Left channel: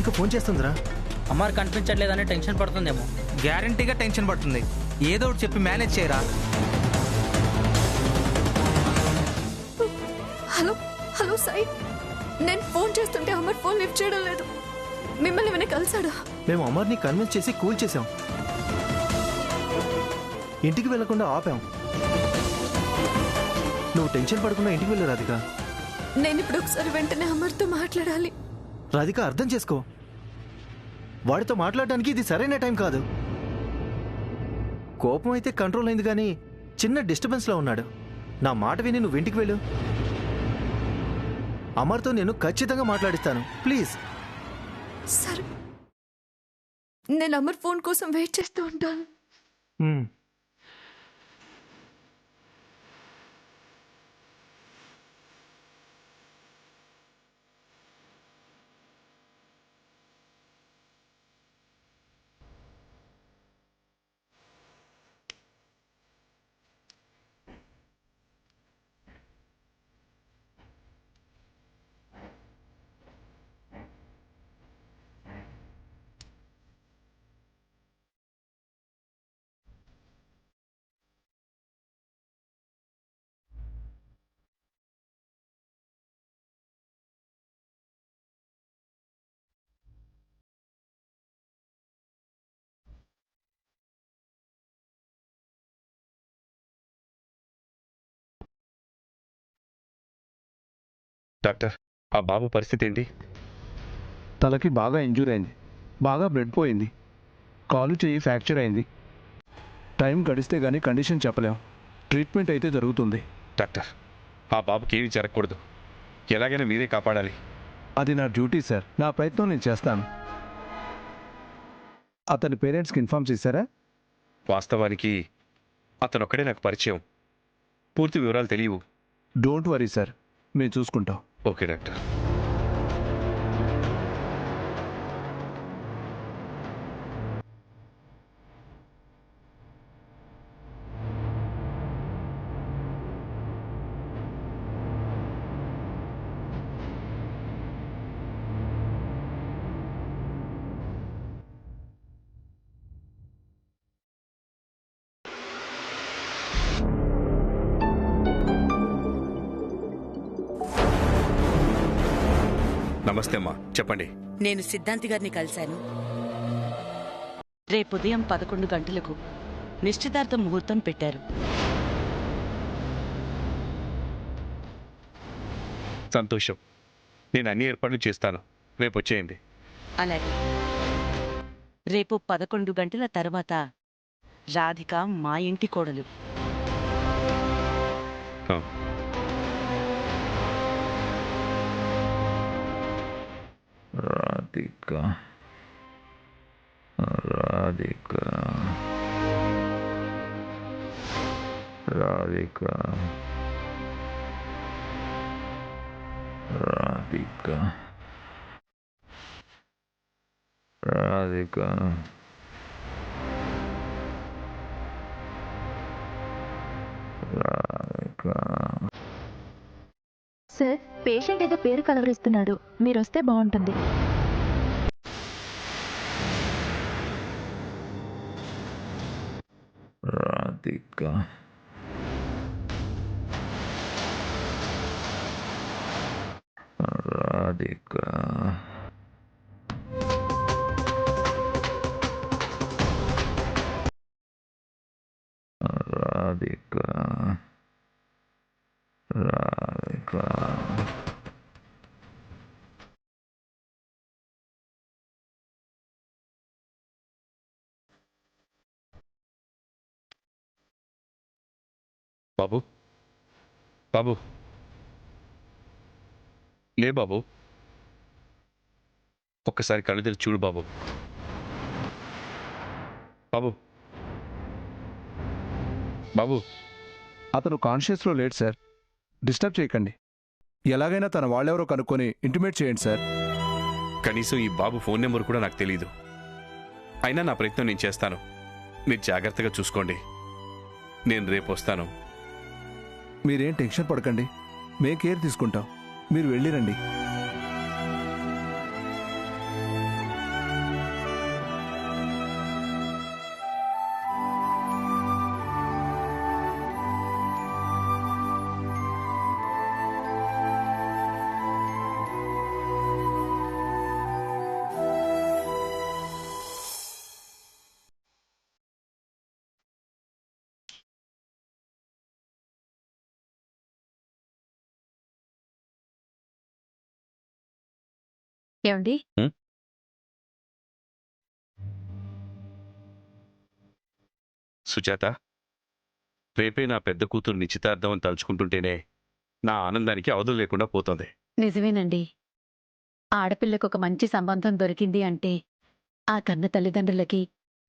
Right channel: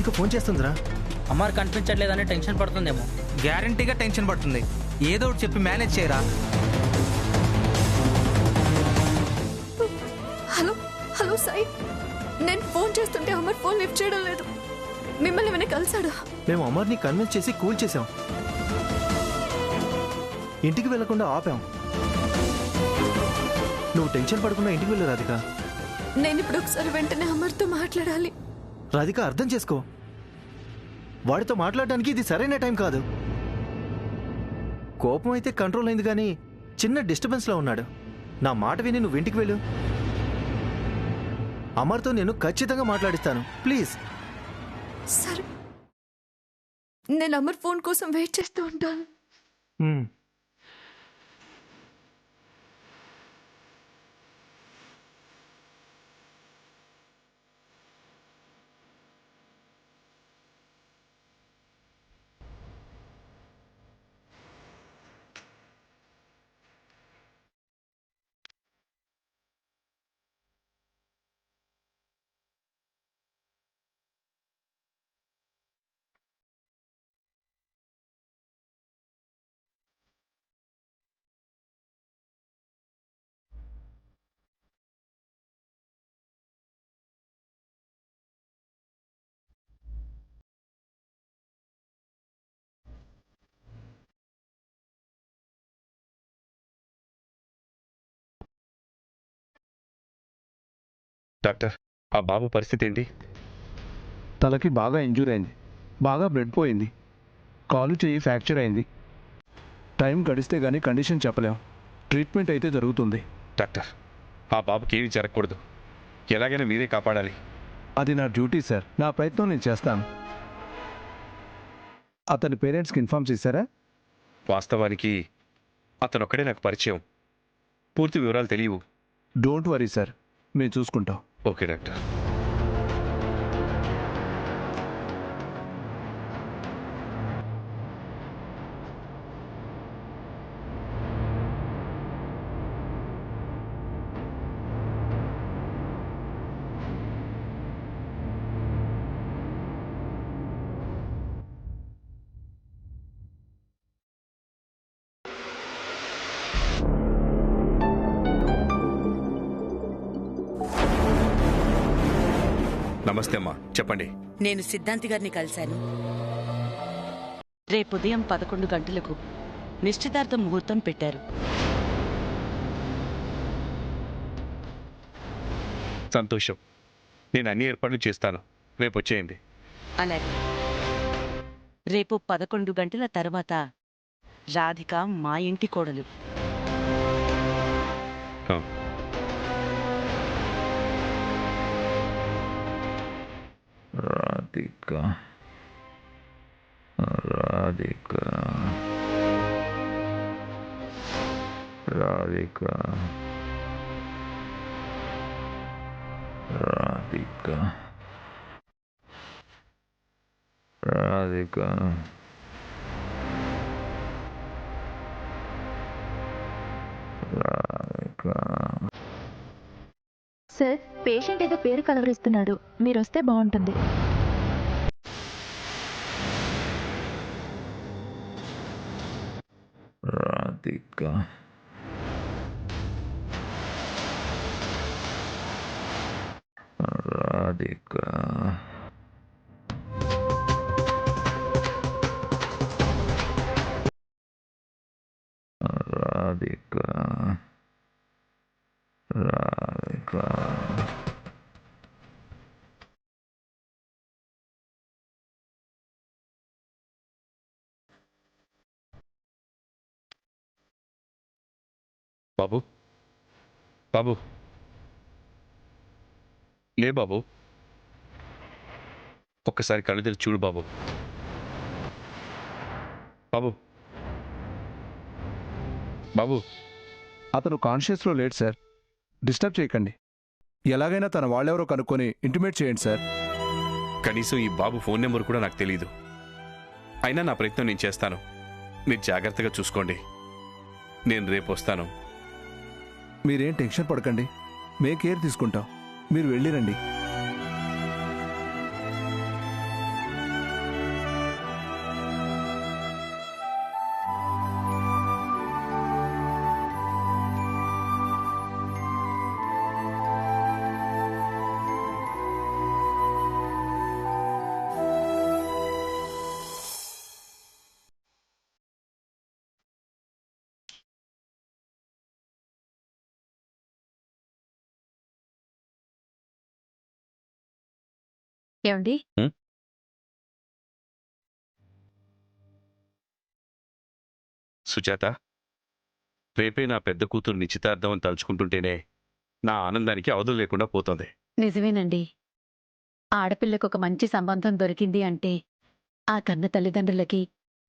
Radhika phone చేస్తుందిరా. అమ్మారు కనిపించట్లేదని tension పడుతుందేమో. గ్యారంటీగా టెన్షన్ పడుతుంది. ఏదో ఒకటి చెప్పి మేనేజ్ చేయరా. హలో హలో సాయి, నేను ఫోన్ చేస్తుంటే అమర్ ఫోన్ లిఫ్ట్ చేయడం లేదు. మిమ్మల్ని ఏమైనా కలిసాడా? మేము అమర్ని కన్విన్స్ చేసి కూల్ చేసాం, ఇంటికి వెళ్లకుండా ఆపాం. నువ్వు టెన్షన్ పడకుండా ఇంటికి వెళ్ళు రాధిక. నేను ఇప్పుడు ఒకసారి వెంటనే అమర్తో మాట్లాడాలి. రాధిక అర్థం చేసుకో, వాడితో మాట్లాడడానికి ఇది సరైన టైం కాదు. కోపం అయితే కంట్రోల్ అయింది కానీ చిన్న డిస్టర్బెన్స్లో ఉన్నాడు. నా మాట విని నువ్వు ఇంటికి వెళ్ళు. అమర్తో నేను ఖచ్చితంగా మాట్లాడిస్తాను, ప్లీజ్. సరే, నేను అమర్ ఫోన్ కోసం వెయిట్ చేస్తూ ఉంటాను. డాక్టర్, ఆ బాబు పరిస్థితి ఏంటి? తలకి బాగా ఇంజూర్ అయింది, బాగా బ్లడ్ పోయింది, కాలు చెయ్యి ఫ్రాక్చర్ అయింది. టైం గడిస్తే కానీ కండిషన్ చెప్పలేం. ట్రీట్మెంట్ అయితే జరుగుతుంది. డాక్టర్, ఆ బాబుకి ఏమీ జరగకూడదు. ఎలాగైనా మీరే కాపాడాలి. అది నా డ్యూటీ సార్, నా ప్రయత్నం నేను చేస్తాను. అతని పేరెంట్స్కి ఇన్ఫార్మ్ చేశారా? వాస్తవానికి అతను ఒక్కడే నాకు పరిచయం, పూర్తి వివరాలు తెలియవు. డోంట్ వరీ సార్, మేము చూసుకుంటాం. Okay doctor. నమస్తే అమ్మా, చెప్పండి. నేను సిద్ధాంతి గారిని కలిశాను. రేపు ఉదయం 11 గంటలకు నిశ్చితార్థ ముహూర్తం పెట్టారు. సంతోషం. నేను అన్ని ఏర్పాట్లు చేస్తాను. రేపు వచ్చేయండి. అలాగే. రేపు 11 గంటల తర్వాత రాధిక మా ఇంటి కోడలు. రాధిక, రాధిక, రాధిక, రాధిక, రాధిక. సార్, పేషెంట్ ఏదో పేరు కలవరిస్తున్నాడు, మీరు వస్తే బాగుంటుంది. రాధిక, రాధిక, రాధిక, రాధిక. బాబు, బాబు, లే బాబు, ఒక్కసారి కళ్ళు తెరిచి చూడు బాబు. బాబు, బాబు. అతను కాన్షియస్లో లేడు సార్, డిస్టర్బ్ చేయకండి. ఎలాగైనా తన వాళ్ళెవరో కనుక్కొని ఇంటిమేట్ చేయండి సార్. కనీసం ఈ బాబు ఫోన్ నెంబర్ కూడా నాకు తెలియదు. అయినా నా ప్రయత్నం నేను చేస్తాను. మీరు జాగ్రత్తగా చూసుకోండి. నేను రేపు వస్తాను. మీరేం టెన్షన్ పడకండి, మేం కేర్ తీసుకుంటాం. మీరు వెళ్ళిరండి. ఏమండి సుజాత, రేపే నా పెద్ద కూతురు నిశ్చితార్థం అని తలుచుకుంటుంటేనే నా ఆనందానికి అవధులు లేకుండా పోతుంది. నిజమేనండి. ఆడపిల్లకు ఒక మంచి సంబంధం దొరికింది అంటే ఆ కన్న తల్లిదండ్రులకి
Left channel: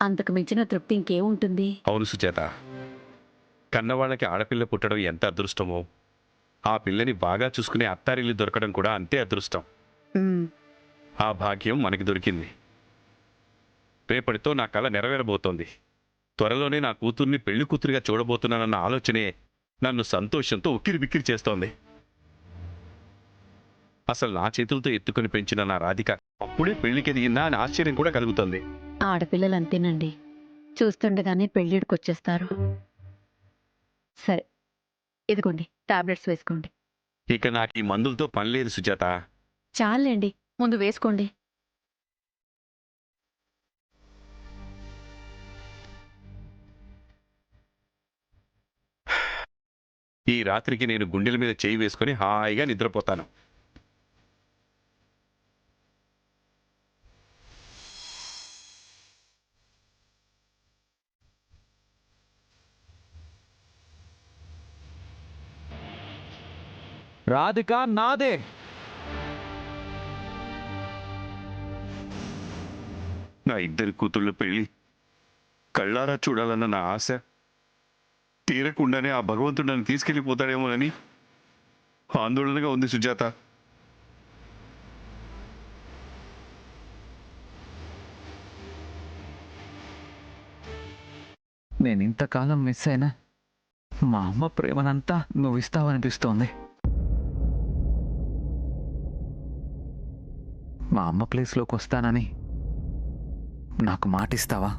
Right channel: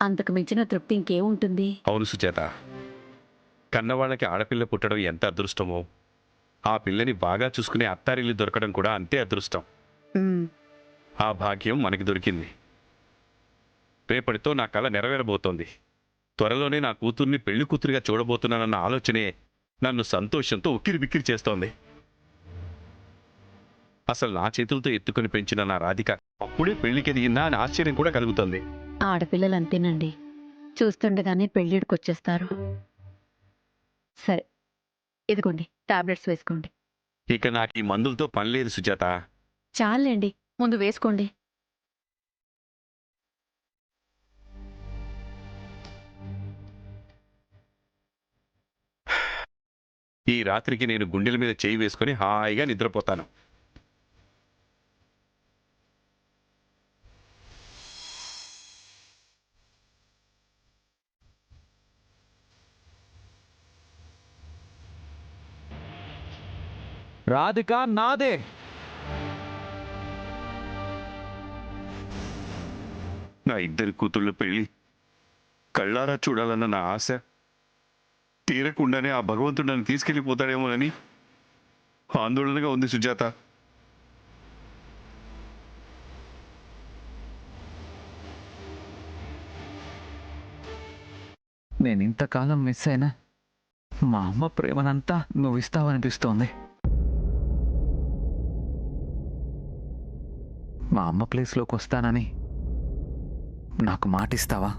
అంతకు మించిన తృప్తి ఇంకేముంటుంది? అవును సుజాత, కన్నవాళ్ళకి ఆడపిల్ల పుట్టడం ఎంత అదృష్టమో, ఆ పిల్లని బాగా చూసుకునే అత్తారిల్లు దొరకడం కూడా అంతే అదృష్టం. ఉమ్, ఆ భాగ్యం మనకి దొరికింది. రేపటితో నా కల నెరవేరబోతోంది. త్వరలోనే నా కూతుర్ని పెళ్లి కూతురిగా చూడబోతున్నానన్న ఆలోచనే నన్ను సంతోషంతో ఉక్కిరిబిక్కిరి చేస్తోంది. అసలు నా చేతులతో ఎత్తుకొని పెంచిన నా రాధిక అప్పుడే పెళ్లికి ఎదిగిందా అని ఆశ్చర్యం కూడా కలుగుతుంది. ఆడపిల్లలంతేనండి, చూస్తుండగానే పెళ్ళిడికొచ్చేస్తారు. సరే, ఇదిగోండి టాబ్లెట్స్ వేసుకోండి. ఇక నాకు ఈ మందులతో పని లేదు సుజాత. చాలండి, ముందు వేసుకోండి. ఈ రాత్రికి నేను గుండెల మీద చేయి వేసుకొని హాయిగా నిద్రపోతాను. రాధిక నాదే. నా ఇద్దరి కూతుళ్ళ పెళ్లి కళ్ళారా చూడాలన్న నా ఆశ తీరకుండానే ఆ భగవంతుడు నన్ను తీసుకెళ్ళిపోతాడేమోనని ఆందోళనగా ఉంది సుజాత. నేను ఇంతకాలం మిస్ అయినా మా అమ్మ ప్రేమనంతా నువ్వు ఇస్తావనిపిస్తోంది. మా అమ్మ ప్లేస్లోకి వస్తానని నాకు మాటిస్తావా?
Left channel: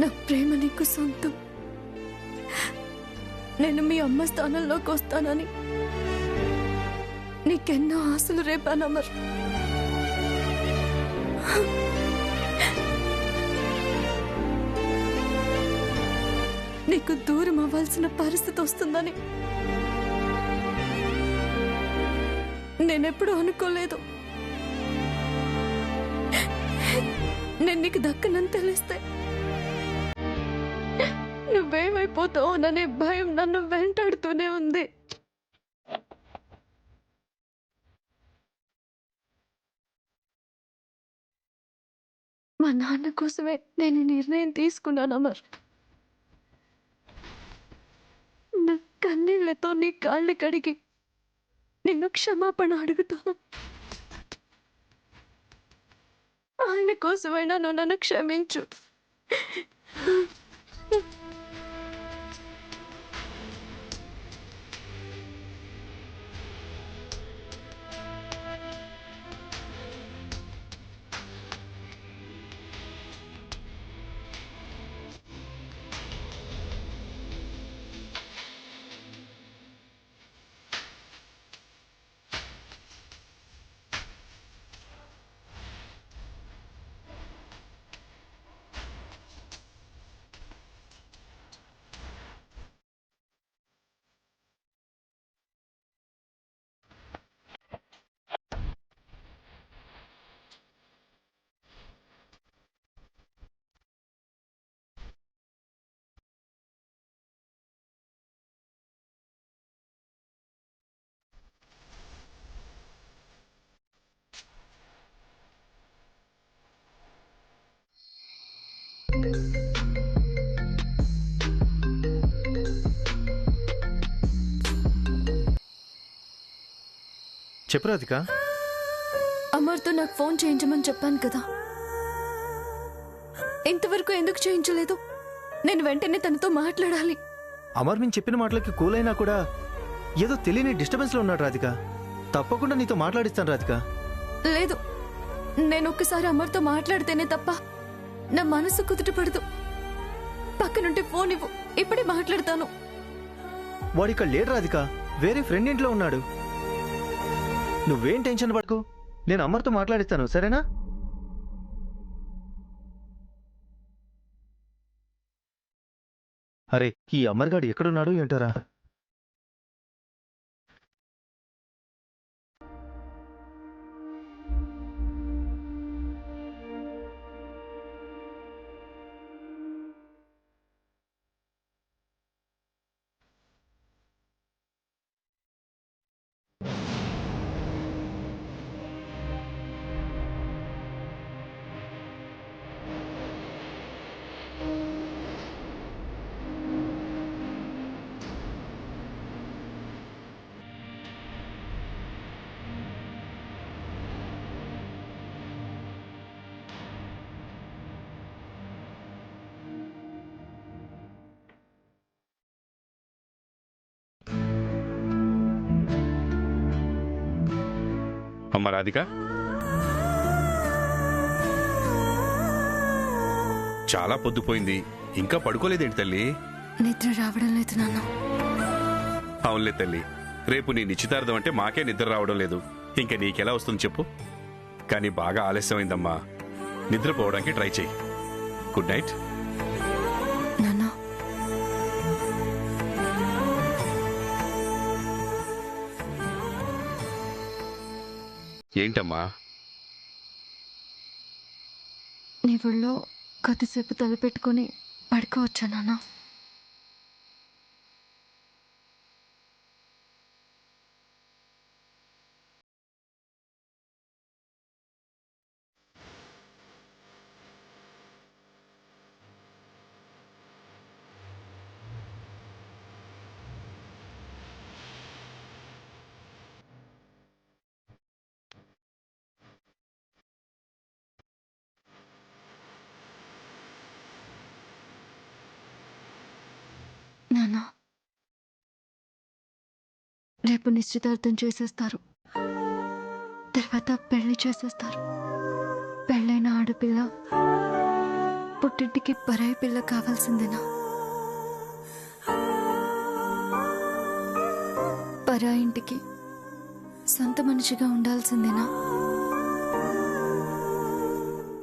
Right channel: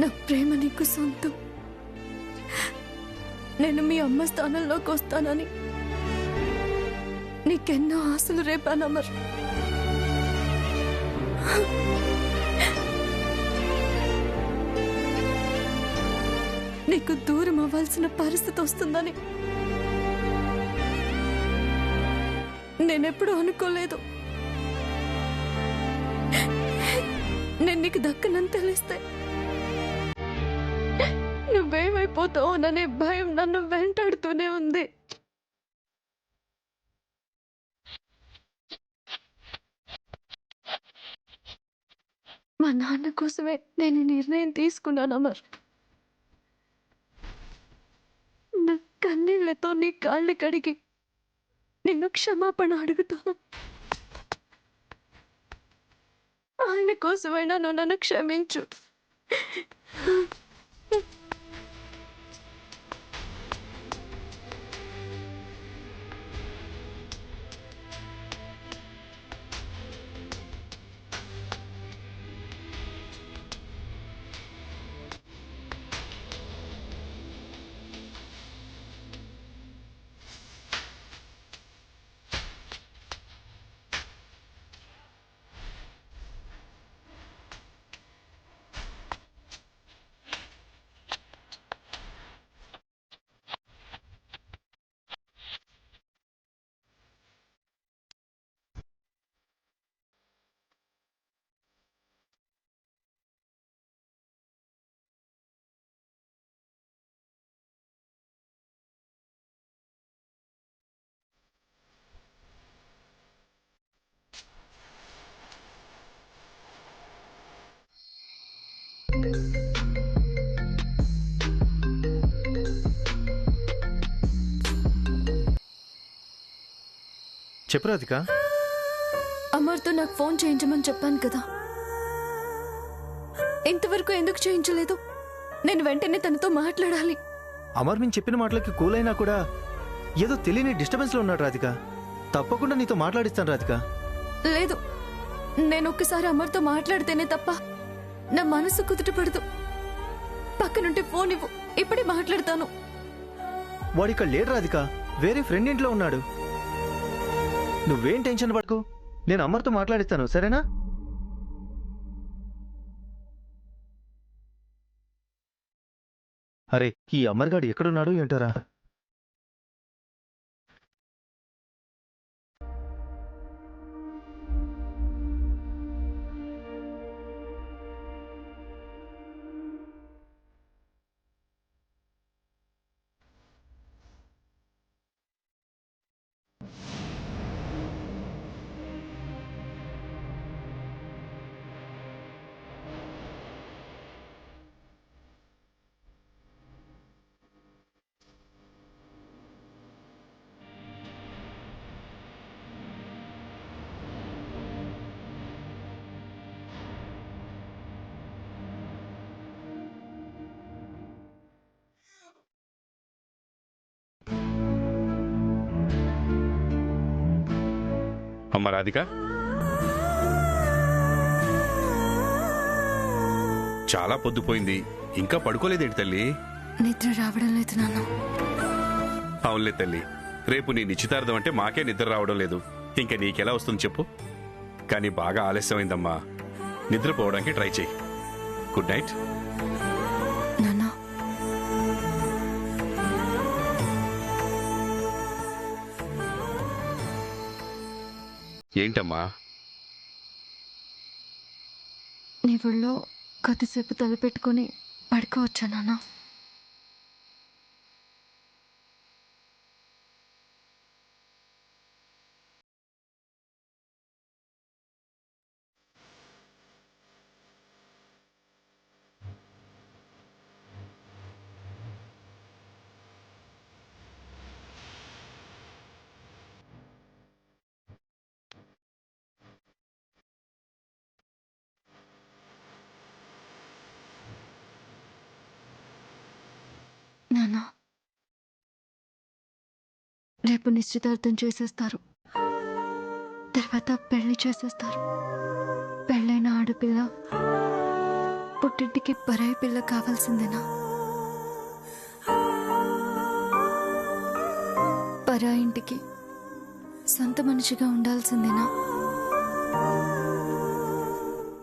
నా ప్రేమ నీకు సొంతం. నేను మీ అమ్మ స్థానంలోకి వస్తానని నీకెన్నో ఆశలు రేపాను అమర్. నీకు దూరం అవ్వాల్సిన పరిస్థితి వస్తుందని నేనెప్పుడూ అనుకోలేదు. నేను నీకు దక్కనని తెలిస్తే నువ్వేమైపోతావోననే భయం నన్ను వెంటాడుతూనే ఉంది. మా నాన్న కోసమే నేను ఈ నిర్ణయం తీసుకున్నాను అమర్. నా కన్నీళ్లతో నీ కాళ్ళు కడిగి నిన్ను క్షమాపణ అడుగుతాను. ఆయన కోసమైనా నువ్వు నన్ను క్షమించు. చెప్పు రాధిక. అమర్తో నాకు ఫోన్ చేయించమని చెప్పాను కదా, ఇంతవరకు ఎందుకు చేయించలేదు? నేను వెంటనే తనతో మాట్లాడాలి. అమర్ నేను చెప్పిన మాటలకి కూల్ అయినా కూడా ఏదో తెలియని డిస్టర్బెన్స్లో ఉన్నాడు రాధిక. తప్పకుండా నీతో మాట్లాడిస్తాను రాధిక. లేదు, నేను ఒక్కసారి అమర్తో మాట్లాడితేనే తప్ప నా మనసు కుదుటపడదు. పక్కనుంటే ఫోన్ ఇవ్వు, ఇప్పుడే మాట్లాడతాను. వాడిక్కడ లేడు రాధిక, వేరే ఫ్రెండ్ ఇంట్లో ఉన్నాడు. నువ్వేం టెన్షన్ పడకు, నేను అమర్తో మాట్లాడిస్తాను, సరేనా? అరే, ఈ అమర్ గాడు ఎక్కడున్నాడు ఏంటారా? అమ్మ రాధిక, చాలా పొద్దుపోయింది, ఇంకా పడుకోలేదేంటి తల్లి? నిద్ర రావడం లేదు నాన్న. అవునులే తల్లి, రేపు నీ నిశ్చితార్థం అంటే మాకే నిద్ర రావడం లేదు, ఇంకా నీకెలా వస్తుంది చెప్పు. కానీ బాగా ఆలస్యమైందమ్మా, నిద్రపోవడానికి ట్రై చేయి. Good night. నాన్న, ఏంటమ్మా? నీ ఒళ్ళో కొద్దిసేపు తలపెట్టుకుని పడుకోవచ్చా నాన్న? నాన్న, రేపు నిశ్చితార్థం చేసేస్తారు, తర్వాత పెళ్లి చేసేస్తారు. పెళ్ళైన ఆడపిల్ల పుట్టింటికి పరాయి పిల్ల కావాల్సిందేనా? పరాయింటికి సొంత మనిషిగా ఉండాల్సిందేనా?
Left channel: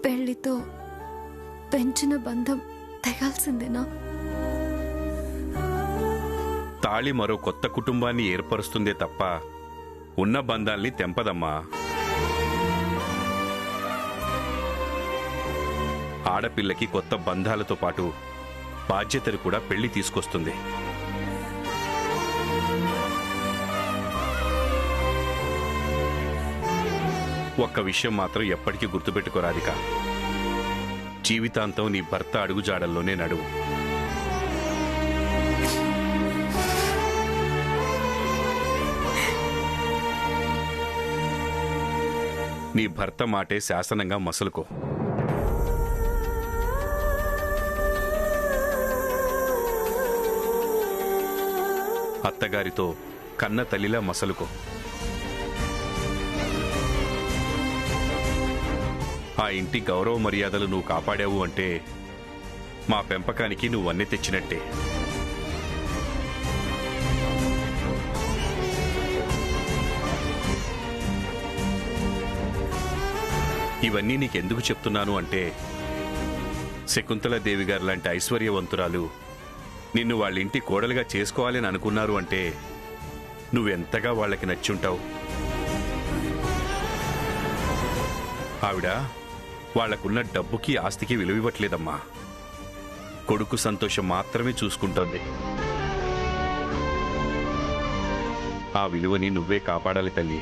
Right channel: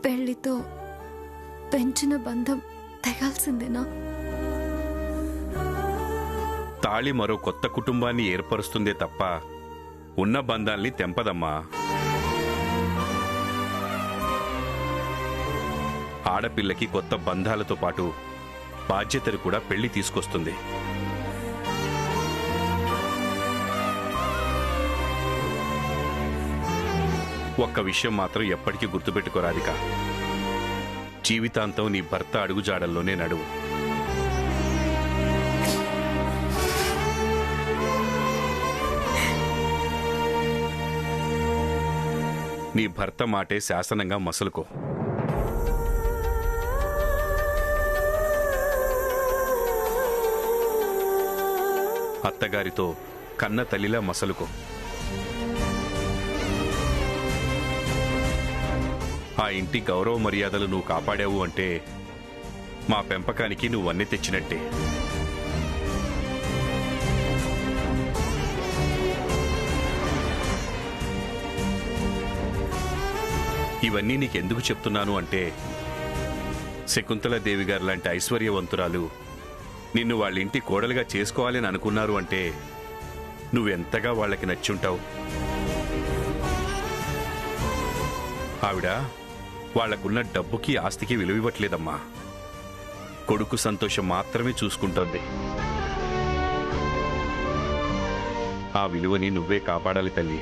పెళ్లితో పెంచిన బంధం తెగాల్సిందేనా? తాళి మరో కొత్త కుటుంబాన్ని ఏర్పరుస్తుందే తప్ప ఉన్న బంధాల్ని తెంపదమ్మా. ఆడపిల్లకి కొత్త బంధాలతో పాటు బాధ్యతలు కూడా పెళ్లి తీసుకొస్తుంది. ఒక్క విషయం మాత్రం ఎప్పటికీ గుర్తుపెట్టుకోరాదిక, జీవితాంతం నీ భర్త అడుగుజాడల్లోనే నడువు. నీ భర్త మాటే శాసనంగా మసలుకో. అత్తగారితో కన్న తల్లిలా మసలుకో. ఆ ఇంటి గౌరవ మర్యాదలు నువ్వు కాపాడావు అంటే మా పెంపకానికి నువ్వన్నీ తెచ్చినట్టే. ఇవన్నీ నీకెందుకు చెప్తున్నాను అంటే, శకుంతలాదేవి గారు లాంటి ఐశ్వర్యవంతురాలు నిన్ను వాళ్ళ ఇంటి కోడలుగా చేసుకోవాలని అనుకున్నారు అంటే నువ్వెంతగా వాళ్ళకి నచ్చుంటావు. ఆవిడ వాళ్లకున్న డబ్బుకి ఆస్తికి విలువివ్వట్లేదమ్మా, కొడుకు సంతోషం మాత్రమే చూసుకుంటోంది. ఆ విలువని నువ్వే కాపాడాలి తల్లి.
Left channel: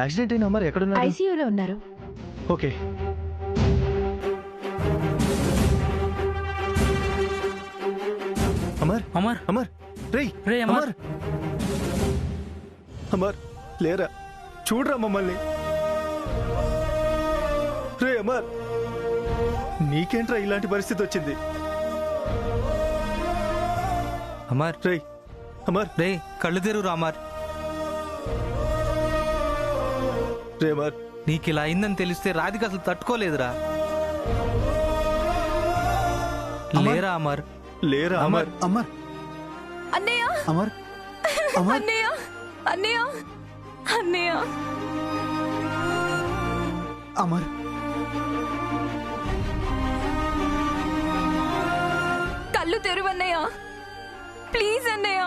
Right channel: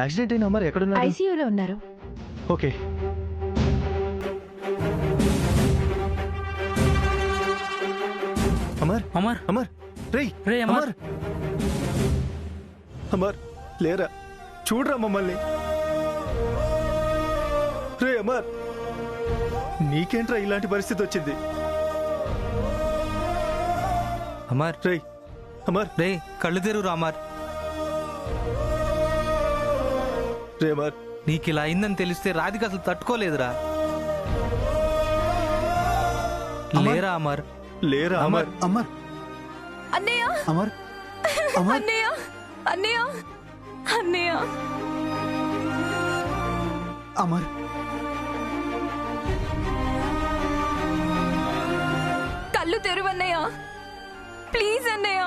యాక్సిడెంట్ అయిన అమర్ ఎక్కడున్నాడు? ఐసీయూలో ఉన్నారు. ఓకే. అమర్, అమర్, అమర్, రేయ్ రే అమర్. అమర్, అమర్ లేరా, చూడరా మమ్మల్ని. రే అమర్, నీకేంట్రా ఇలాంటి పరిస్థితి వచ్చింది? అమర్, రేయ్ అమర్, రే కళ్ళు తెరువురా అమర్. రే అమర్, నీకు ఇలా అయిందని తెలిస్తే రాధిక అసలు తట్టుకోలేదురా. లేరా అమర్, లేరా అమర్. అమర్, అన్నయ్య, అమర్, అమర్, అన్నయ్య, అన్నయ్య, అన్నయ్య, అమర్, కళ్ళు తెరువన్నయ్య, ప్లీజ్ అన్నయ్య.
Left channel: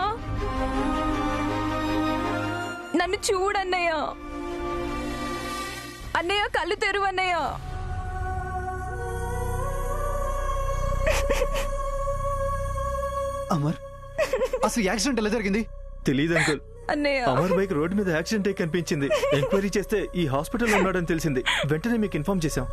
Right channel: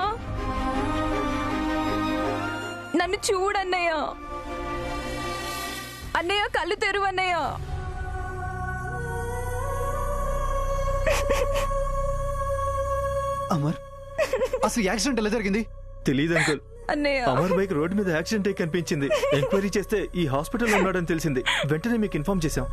నన్ను చూడన్నయ్య. అన్నయ్య కళ్ళు తెరువు అన్నయ్య. అమర్, అసలు యాక్సిడెంట్ ఎలా జరిగింది? తెలీదు అంకుల్. అన్నయ్య అమర్ బైక్ రోడ్డు మీద యాక్సిడెంట్ అయి కనిపించింది. ఎంక్వైరీ చేస్తే ఈ హాస్పిటల్లో ఉన్నాడని తెలిసింది. వెంటనే మీకు ఇన్ఫార్మ్ చేశాం.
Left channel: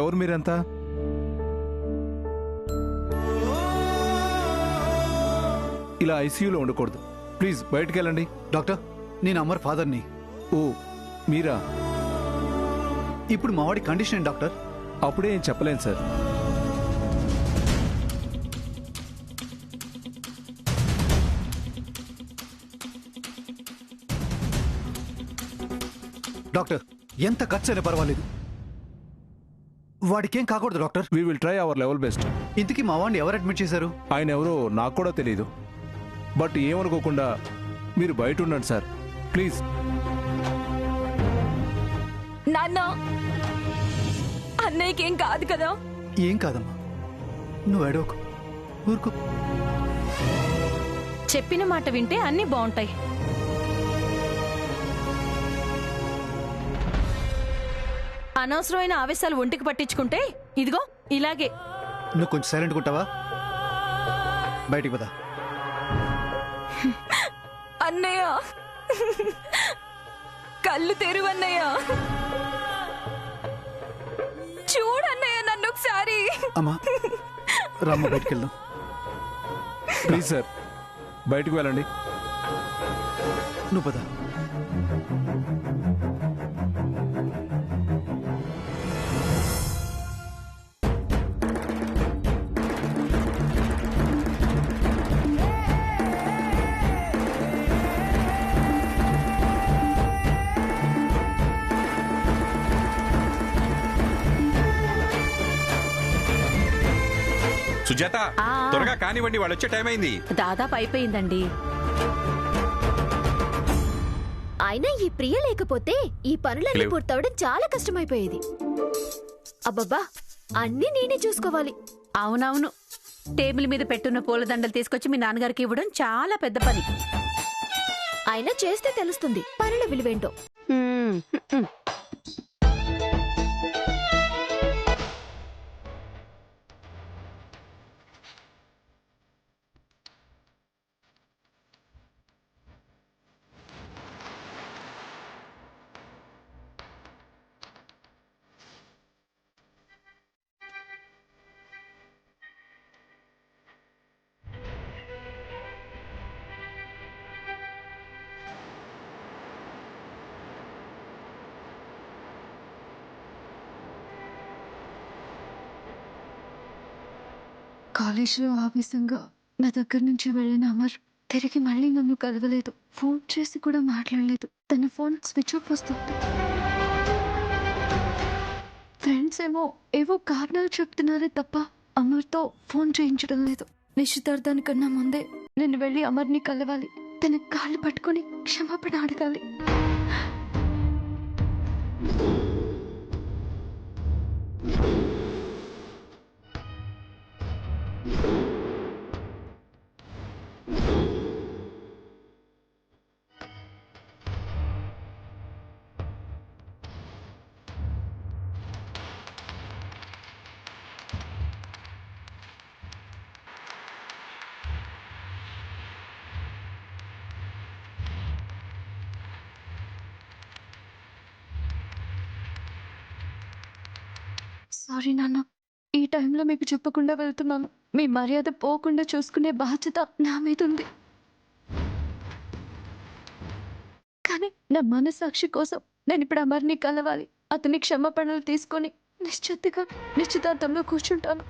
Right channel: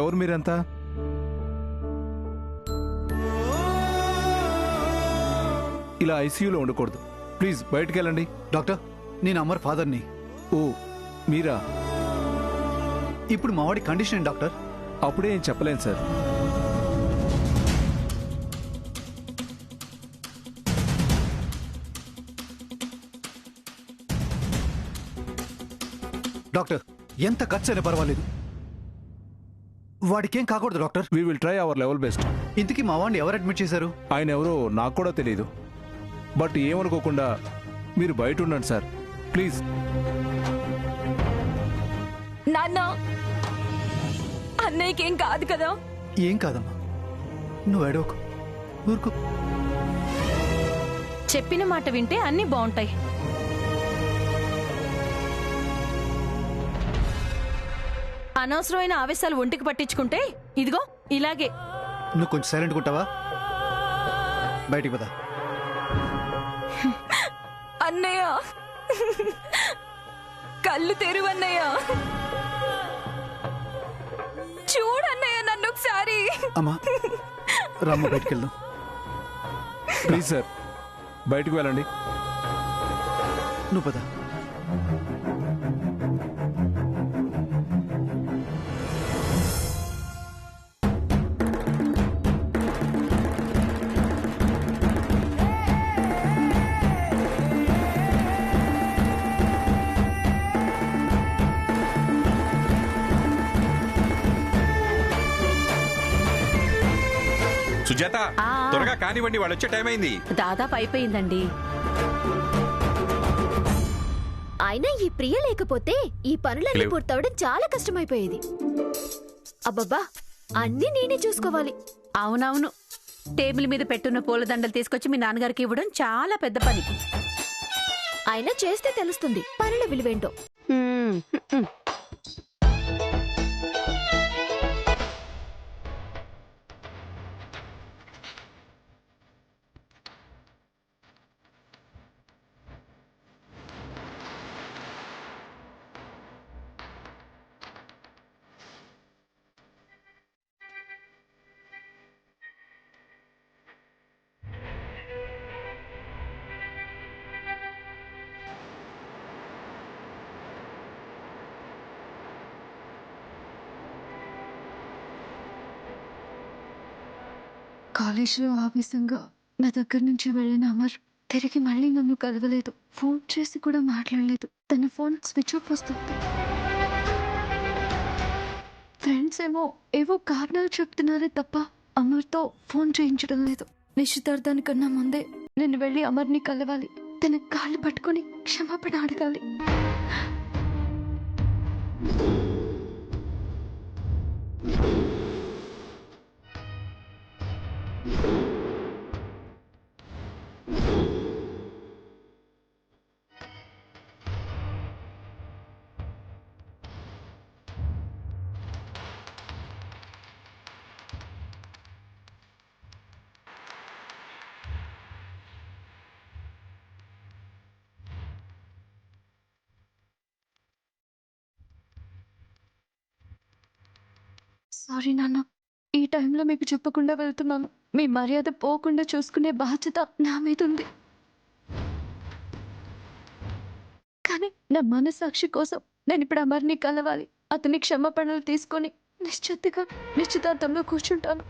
ఎవరు మీరంతా? ఇలా ఐసీయూలో ఉండకూడదు. ప్లీజ్ బయటికి వెళ్ళండి. డాక్టర్, నేను అమర్ ఫాదర్ని. ఓ, మీరా? ఇప్పుడు మావాడి కండిషన్ ఏంటి డాక్టర్? అప్పుడే ఏం చెప్పలేను సార్. డాక్టర్, ఎంత ఖర్చు అయినా పర్వాలేదు, వాడికేం కాకూడదు doctor. We will try our level best. ఇంతకీ మా వాడిని ఎవరు అడ్మిట్ చేశారు? ఆయన ఎవరో నాకు కూడా తెలియదు. బట్ ఏమనుకోకుండా మీరు బయట ఉండండి సార్, ప్లీజ్. నాన్న, అన్నయ్యకేం కాదు కదా? ఏం కాదమ్మా, నువ్వు ఏడవకు, ఊరుకో. చెప్పిన మాట వింటే అన్నీ బాగుంటాయి. అనవసరమైన ఆవేశాలు ఒంటికి పట్టించుకుంటే ఇదిగో ఇలాగే. నువ్వు కొంచెం సైలెంట్గా ఉంటావా? బయటికి పద. అన్నయ్య కళ్ళు తెరువు అన్నయ్య. చూడన్నయ్య నన్ను ఒకసారి. అమ్మా రామ్మ, బయటికి వెళ్దాం. ప్లీజ్ సార్, బయటికి వెళ్ళండి. నువ్వు పద. సుజాత, త్వరగా కానివ్వండి, వాళ్ళు వచ్చే టైం అయింది. దాదాపు అయిపోయిందండి. అయినా ఈ ప్రియ లేకపోతే ఈ పనులన్నీ పూర్తవడం చాలా కష్టమైపోయేది. అబ్బబ్బా, అన్నీ నేనే చూసుకోవాలి. అవునవును, టేబుల్ మీద పెట్టున్న పూలదండలు తీసుకొచ్చి మీ నాన్నగారికి ఇవ్వడం చాలా పెద్ద పని. అయినా చేస్తే తెలుస్తుంది పనుల విలువేంటో. కాలేజీలో ఆవేశంగా నా దగ్గర నుంచి వెళ్ళిన అమర్ తిరిగి మళ్ళీ నన్ను కలవలేదు. ఫోన్ చేసి కూడా మాట్లాడలేదు. తన ఫోన్ స్విచ్ ఆఫ్ వస్తుంది. ఫ్రెండ్స్ ఏవో కారణాలు చెప్తున్నారే తప్ప అమర్తో ఫోన్ చేయించడం లేదు. నిశ్చితార్థానికన్నా ముందే నేను వెళ్ళి అమర్ని కలవాలి. తన కాళ్ళు పట్టుకొని క్షమాపణ అడగాలి. సారీ నాన్న, ఈ టైంలో మీకు చెప్పకుండా వెళ్తున్నాను. మీ మర్యాద పోకుండా చూసుకునే బాధ్యత నా మీద ఉంది. కానీ నా మనసాక్షి కోసం నేను ఇప్పుడు అమర్ని కలవాలి. అతని క్షమాపణలు తీసుకొని నిశ్చితంగా నిశ్చితార్థంలో కూర్చుంటాను.